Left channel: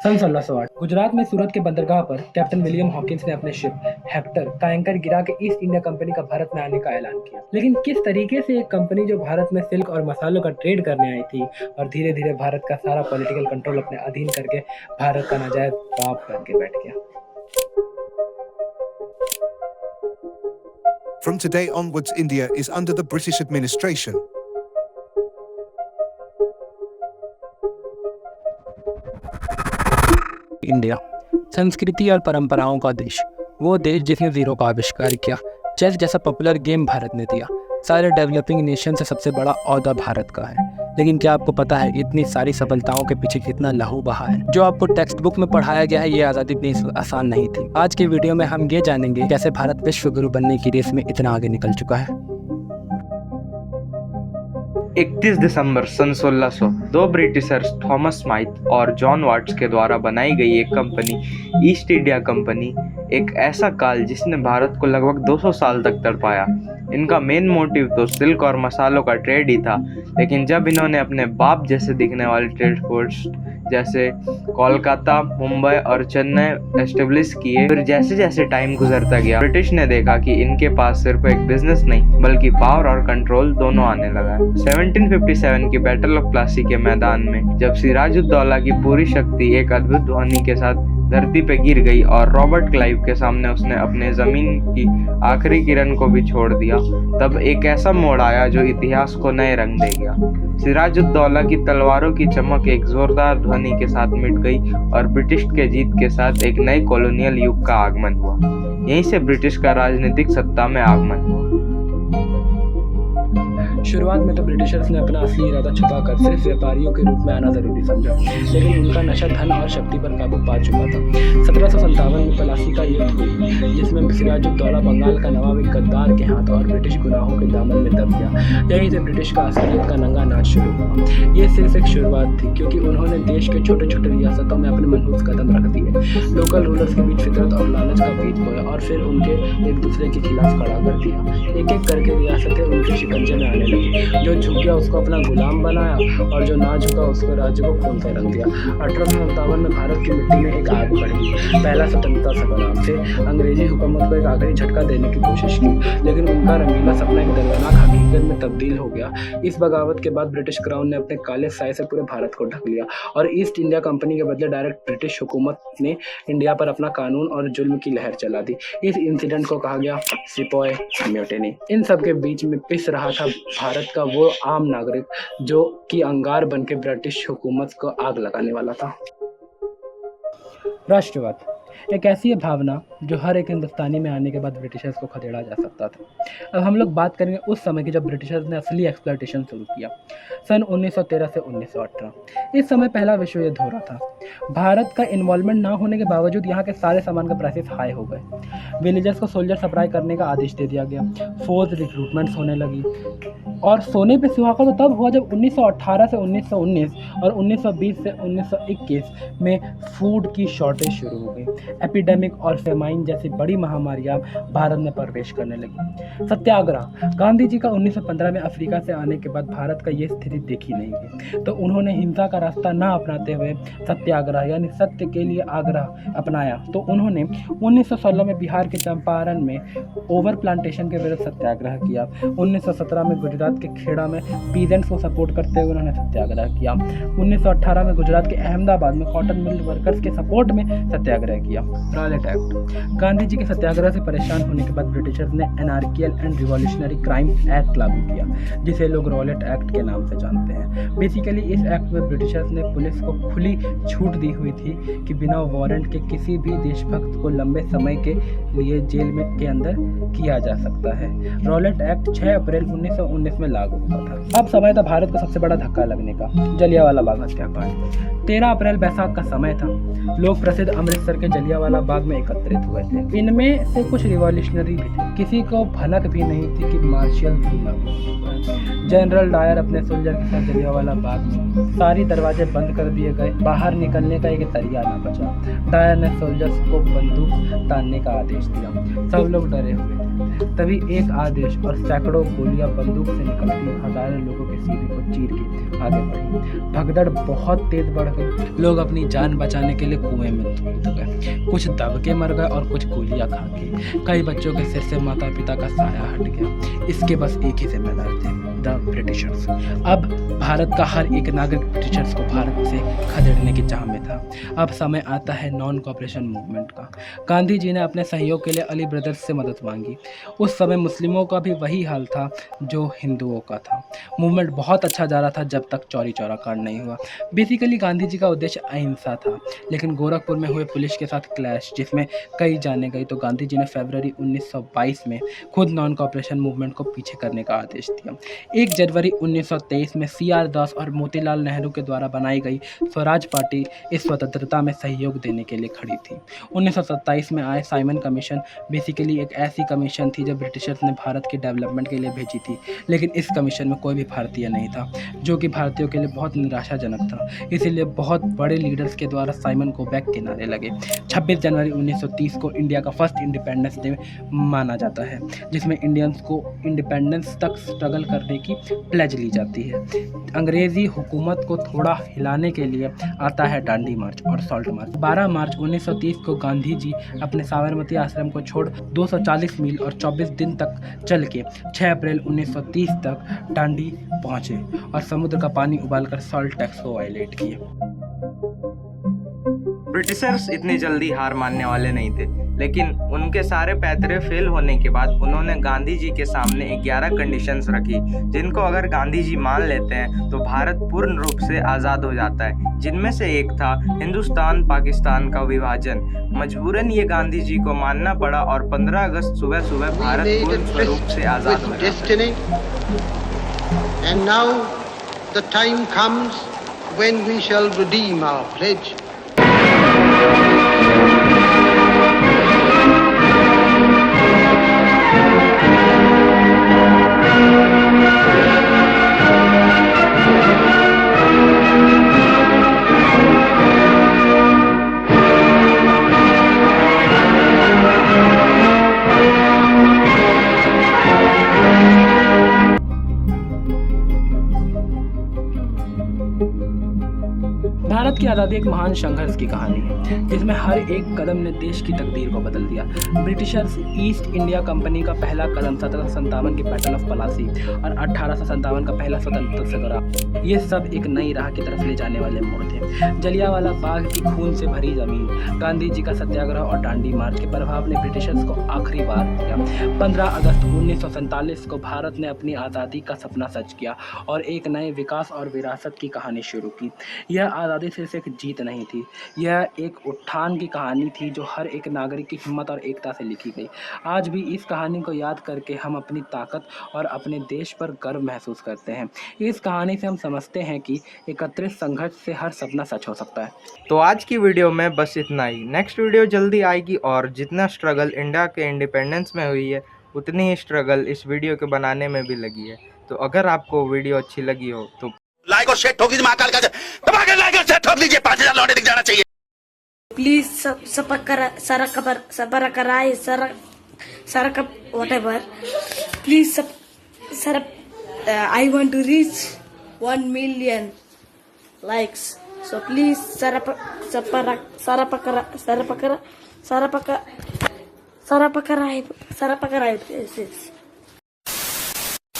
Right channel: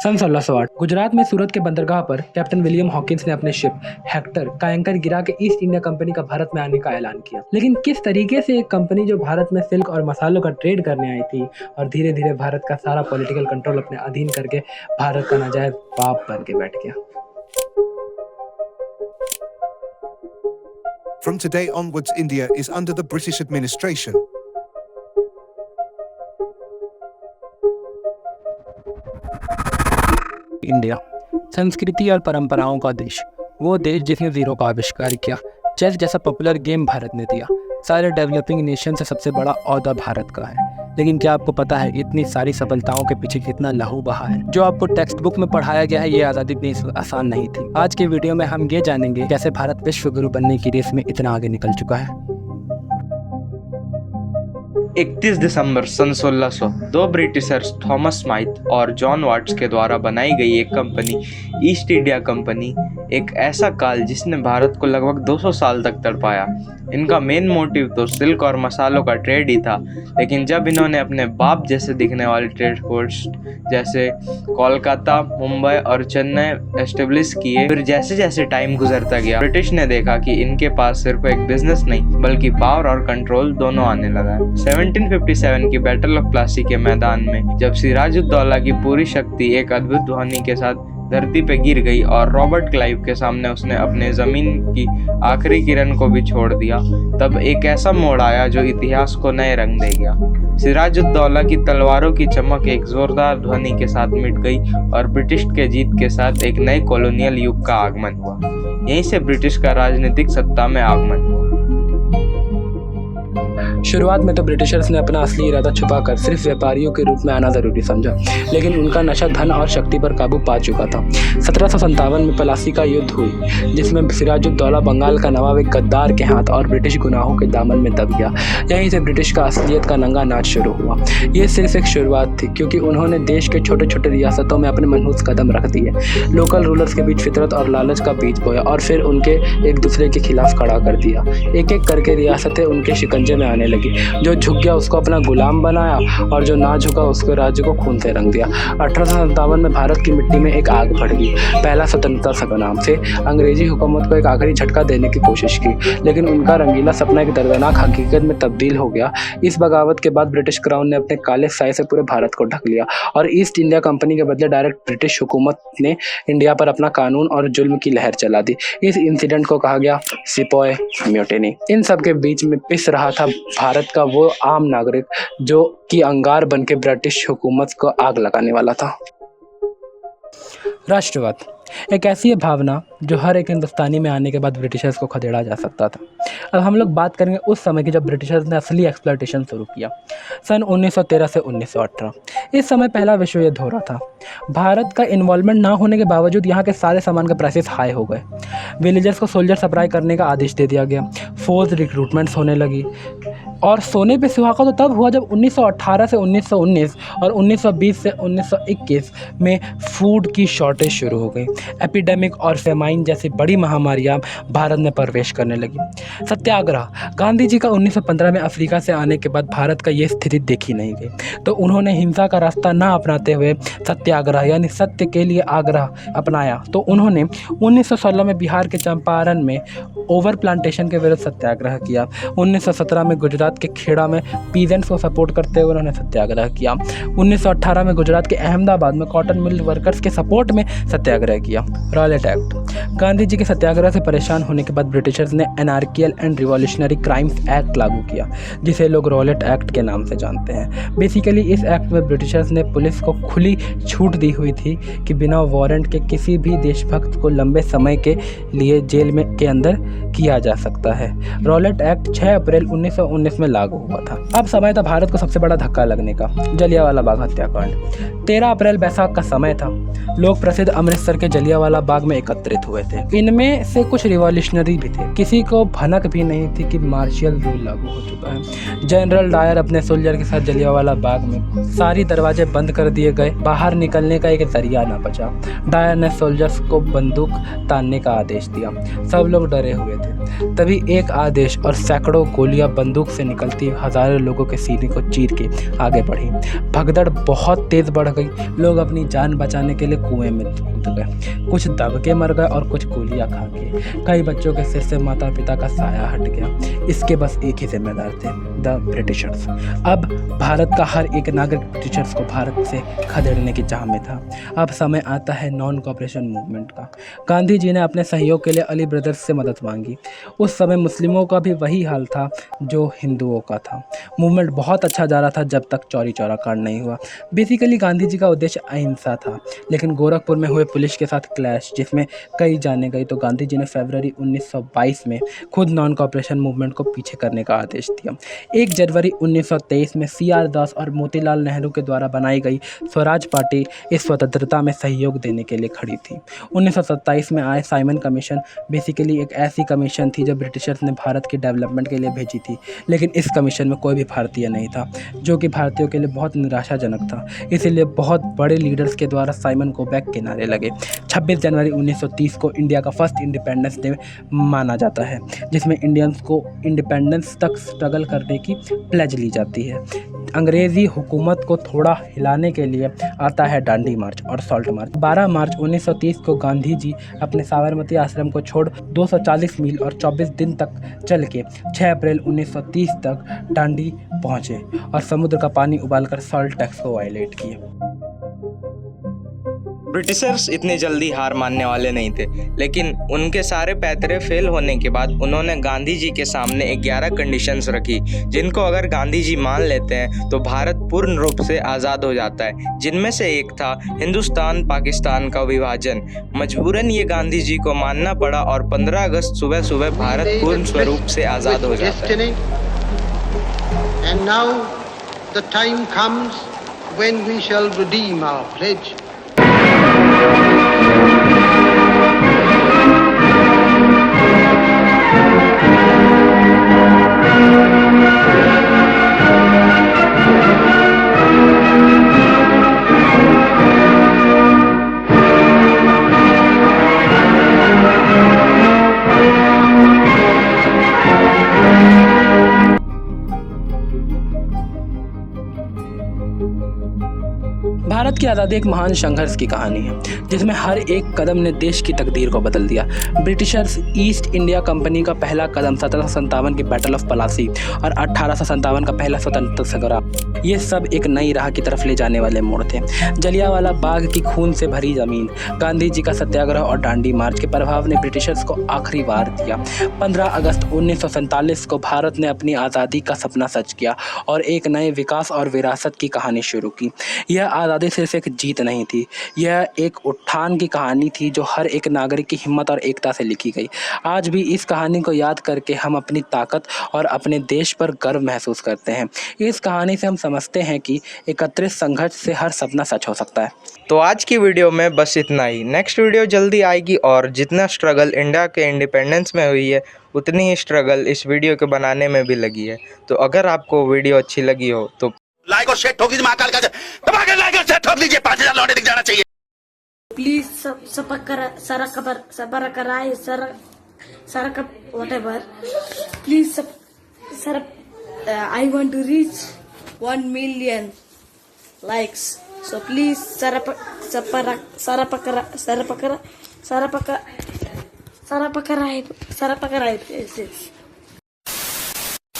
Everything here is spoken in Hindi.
सन 1608 गुजरात में सूरत के बंदरगाह पर कैप्टन विलियम हॉकिंस ने अपने शिप हेक्टर का एंकर गिरा के ईस्ट इंडिया कंपनी का भारत में आने का ऐलान किया। लेकिन किस तरीके से एक कंपनी जो भारत में सिल्क और मसालों का ट्रेड करने आई थी और धीरे धीरे भारत का सारा पॉलिटिकल कंट्रोल अपने अधीन करके भारत का नाजायज बाप बन के बैठ गया। From today onwards, India is under the British administration. India संस्कृति और परंपराओं का देश, वो देश जिसने जीरो का आविष्कार किया, चेस जैसा पॉपुलर गेम भारत ने दिया। सारे डेवलपिंग नेशन से सबसे बड़ा ओहदा भारत का है। लेकिन क्या आपको पता है इतनी सारी सफलताओं के पीछे कितना लहू बहा है? जो आपको टेक्स्ट बुक में पढ़ाया गया है ये आज़ादी इतनी आसान नहीं थी। आज के वीडियो में हम ये जानेंगे कैसे भारत विश्व गुरु बनने की रेस में इतना आगे निकल चुका है। 31 दिसंबर सन 1600 दो ब्रिटिशर्स थॉमस स्माइथ और जॉन वाट्स के द्वारा बनाई गई एक कंपनी ईस्ट इंडिया कंपनी, एक ऐसा काल जिसने भारत को लगभग 200 साल तक तड़पाया। इनका मेन मोटिव तो सिल्क और मसालों का ट्रेड ही था, लेकिन जब इन्होंने अपने बाप जैसे दिखने वाले ट्रेड पोस्ट जैसे कोलकाता, मुंबई और चेन्नई एस्टेब्लिश किए, फिर जैसे जैसे टाइम गुजरता गया ब्रिटिश ने देखा कि इनके पास सिर्फ एक बिजनेस नहीं बल्कि पावर और कंट्रोल दोनों आने लगा है। 1757 की बैटल ऑफ प्लासी के मैदान में जब सिराजुद्दौला की पूरी शक्ति एक अद्भुत ध्वनि के साथ धरती पे गिर गई और रॉबर्ट क्लाइव के सामने उसने अपने जमीन की आखिरी किरण को भी छोड़ दिया, तब एक ऐसा मोड़ आया जो इतिहास को नए रंग दे गया। सिराजुद्दौला की तलवारों की चमक एक जोरदार ध्वनि के साथ मिट गई और ब्रिटिश के जीत के साथ एक नए कॉलोनियल युग का आगमन हुआ। यहीं से ब्रिटिश का राजनीतिक सत्ता में आगमन हुआ। शुरुआत में तो ब्रिटिशर्स ने अपना असली इरादा छुपाकर सिर्फ व्यापारियों के रूप में आना जरूरी समझा, लेकिन उनका नशा धन और शक्ति पर काबू पा चुका था। 1757 में प्लासी का युद्ध हुई, जिसमें सिराजुद्दौला बंगाल का नवाब एक गद्दार के हाथ और ब्रिटिश गुनाहों के दामन में दब गया। यहीं से ब्रिटिश का असलियत का नंगा नाच शुरू हुआ। ये सिर्फ एक शुरुआत थी, क्योंकि उन्होंने देश के छोटे छोटे रियासतों में अपने मनहूस कदम रख दिए, लोकल रूलर्स के बीच फितरत और लालच का बीज बोया और फिर उनके एक दूसरे के खिलाफ खड़ा कर दिया। एक एक करके रियासतें उनके शिकंजे में आने लगी। जो झुक गया उसको अपना गुलाम बनाया और जो ना झुका उसके राज्य को खून से रंग दिया। 1857 में भारत की मिट्टी में एक आग भड़ गई। पहला स्वतंत्रता संग्राम से अंग्रेजी हुकूमत को एक आखिरी झटका देने की कोशिश की, लेकिन उनका रंगीला सपना एक दर्दनाक हकीकत में तब्दील हो गया। इस बगावत के बाद ब्रिटिश क्राउन ने अपने काले साए से पूरे भारत को ढक लिया और ईस्ट इंडिया कंपनी के बदले डायरेक्ट ब्रिटिश हुकूमत ने इंडिया पर अपना कानून और जुल्म की लहर चला दी। इस इंसिडेंट को कहा गया सिपोय म्यूटिनी। इन सब के बीच में पिस रहा था भारत का वो आम नागरिक जो कि अंगार बन के ब्रिटिश हुकूमत को आग लगाने वाला था। राष्ट्रवाद एक ऐसी भावना जो हर एक हिंदुस्तानी में आने के बाद ब्रिटिशर्स को खदेड़ा जा सकता था। अब हम लोग बात करेंगे उस समय की जब ब्रिटिशर्स ने असली एक्सप्लॉयटेशन शुरू किया, सन 1913 से 1918। इस समय पहला विश्व युद्ध हो रहा था। भारत का इन्वॉल्वमेंट ना होने के बावजूद यहाँ के सारे सामान के प्राइसेस हाई हो गए। विलेजर्स को सोल्जर सप्लाई करने का आदेश दे दिया गया। फोर्स रिक्रूटमेंट्स होने लगी और सोने पे सुहागा तो तब हुआ जब 1918 से 1919 और 1920 से 1921 में फूड की शॉर्टेज शुरू हो गई। एपिडेमिक और फेमाइन जैसी बड़ी महामारियां भारत में प्रवेश करने लगी। सत्याग्रह गांधी जी का 1915 में अफ्रीका से आने के बाद भारत का ये स्थिति देखी नहीं गई, तो उन्होंने हिंसा का रास्ता ना अपनाते हुए सत्याग्रह यानी सत्य के लिए आग्रह अपनाया। तो उन्होंने 1916 में बिहार के चंपारण में ओवर प्लांटेशन के विरुद्ध सत्याग्रह किया। 1917 में गुजरात के खेड़ा में पीजेंट्स को सपोर्ट करते हुए उन्होंने सत्याग्रह किया। 1918 में गुजरात के अहमदाबाद में कॉटन मिल वर्कर्स के सपोर्ट में सत्याग्रह किया। रॉलेट एक्ट गांधी जी के सत्याग्रह से परेशान होने के बाद ब्रिटिशर्स ने एनार्कियल एंड रिवॉल्यूशनरी क्राइम्स एक्ट लागू किया, जिसे लोग रॉलेट एक्ट के नाम से जानते हैं। बेसिकली इस एक्ट में ब्रिटिशर्स ने पुलिस को खुली छूट दी हुई थी कि बिना वारंट के किसी भी देशभक्त को लंबे समय के लिए जेल में के अंदर किया जा सकता है। रॉलेट एक्ट 6 अप्रैल 1919 में लागू हुआ था। अब समय था भारत को सबसे बड़ा धक्का लगने का, जलियांवाला बाग हत्याकांड। 13 अप्रैल बैसाख का समय था। लोग प्रसिद्ध अमृतसर के जलियांवाला बाग में एकत्रित हुए थे। इनमें से कुछ रिवॉल्यूशनरी भी थे। किसी को भनक भी नहीं थी कि मार्शियल रूल लागू हो चुका है। जनरल डायर अपने सोल्जर के साथ जलियांवाला बाग में, सारी दरवाजे बंद कर दिए गए। बाहर निकलने का एक जरिया ना बचा। डायर ने सोल्जर्स को बंदूक तानने का आदेश दिया। सब लोग डरे हुए थे। तभी एक आदेश और सैकड़ों गोलियां बंदूक से निकलती हज़ारों लोगों के सीने को चीर के आगे बढ़ी। भगदड़ बहुत तेज़ बढ़ गई। लोग अपनी जान बचाने के लिए कुएं में कूद गए। कुछ दब के मर गए और कुछ गोलियां खा के। कई बच्चों के सिर से माता पिता का साया हट गया। इसके बस एक ही जिम्मेदार थे, द ब्रिटिशर्स। अब भारत का हर एक नागरिक ब्रिटिशर्स को भारत से खदेड़ने की चाह में था। अब समय आता है नॉन कॉपरेशन मूवमेंट का। गांधी जी ने अपने सहयोग के लिए अली ब्रदर्स से मदद मांगी। उस समय मुस्लिमों का भी वही हाल था जो हिंदुओं का था। मूवमेंट बहुत अच्छा जा रहा था जब तक चौरी चौरा कांड नहीं हुआ। बेसिकली गांधी जी का उद्देश्य अहिंसा था, लेकिन गोरखपुर में हुए पुलिस के साथ क्लैश जिसमें कई जाने गई, तो गांधी जी ने फरवरी 1922 में खुद नॉन कॉपरेशन मूवमेंट को पीछे करने का आदेश दिया। 1 जनवरी 1923 में CR दास और मोतीलाल नेहरू के द्वारा बनाई गई स्वराज पार्टी इस स्वतंत्रता में सहयोग देने के लिए खड़ी थी। 1927 में आए साइमन कमीशन बेसिकली एक ऐसी कमीशन थी जो ब्रिटिशर्स ने भारत के डेवलपमेंट के लिए भेजी थी, लेकिन इस कमीशन में कोई भी भारतीय नहीं था, जो कि भारतीयों के लिए बहुत निराशाजनक था। इसीलिए बहुत बड़े लीडर्स के द्वारा साइमन को बैक के नारे लगे। 26 जनवरी 1930 को इंडिया का फर्स्ट इंडिपेंडेंस डे माना जाता है, जिसमें इंडियंस को इंडिपेंडेंस तक स्ट्रगल करने की प्लेज ली जाती है। अंग्रेज़ी हुकूमत को थोड़ा हिलाने के लिए आता है डांडी मार्च और सॉल्ट मार्च। 12 मार्च 1930 को गांधी जी अपने साबरमती आश्रम को छोड़ 240 मील और 24 दिन तक चल के 6 अप्रैल 1930 तक डांडी पहुंचे और समुद्र का पानी उबालकर सॉल्ट टैक्स को वायलेट किए। ब्रिटिशर्स इतनी जल्दी हार मानने वाले नहीं थे, लेकिन उनके सारे पैतरे फेल होने के बाद उन्होंने गांधी जी के सामने 11 कंडीशंस रखी, जिनको अगर गांधी जी मान लेते हैं तो भारत पूर्ण रूप से आज़ाद हो जाता है। जिनमें से एक था हिंदुस्तान पाकिस्तान का विभाजन। मजबूरन ये गांधी जी को मानना पड़ा और 15 अगस्त सुबह सुबह भारत पूर्ण स्वरूप से आज़ाद हो जाता है। And now the time comes when we shall redeem our pledge. Bharat की आज़ादी एक महान संघर्ष की कहानी है, जिसमें हर एक कदम ने देश की तकदीर को बदल दिया। ब्रिटिशर्स ईस्ट इंडिया कंपनी का पहला कदम 1757 की बैटल ऑफ पलासी और 1857 का पहला स्वतंत्रता संग्राम, ये सब एक नई राह की तरफ ले जाने वाले मोड़ थे। जलियांवाला बाग की खून से भरी जमीन, गांधी जी का सत्याग्रह और डांडी मार्च के प्रभाव ने ब्रिटिशर्स को आखिरी वार दिया। 15 अगस्त 1947 को भारत ने अपनी आज़ादी का सपना सच किया और एक नए विकास और विरासत की कहानी शुरू की। यह आज़ादी सिर्फ एक जीत नहीं थी, यह एक उत्थान की कहानी थी जो हर एक नागरिक की हिम्मत और एकता से लिखी गई। आज भी इस कहानी को याद करके हम अपनी ताकत और अपने देश पर गर्व महसूस करते हैं। इस कहानी से हम समझते हैं कि एकत्रित संघर्ष से हर सपना सच हो सकता है। तो आज की वीडियो में बस इतना ही। नेक्स्ट वीडियो जल्दी आएगी और जितना स्ट्रगल इंडिया के इंडिपेंडेंस में हुई है, उतनी ही स्ट्रगल इस वीडियो के बनाने में भी लगी है। तो अगर आपको वीडियो अच्छी लगी हो तो लाइक और शेयर ठोक दीजिए, महाकाल का दबा के लाइक और शेयर ठोक दीजिए, 5000 लौटे दिख जाना चाहिए। Please whatever. Please I want to reach 1 million likes. So please sarapakarai.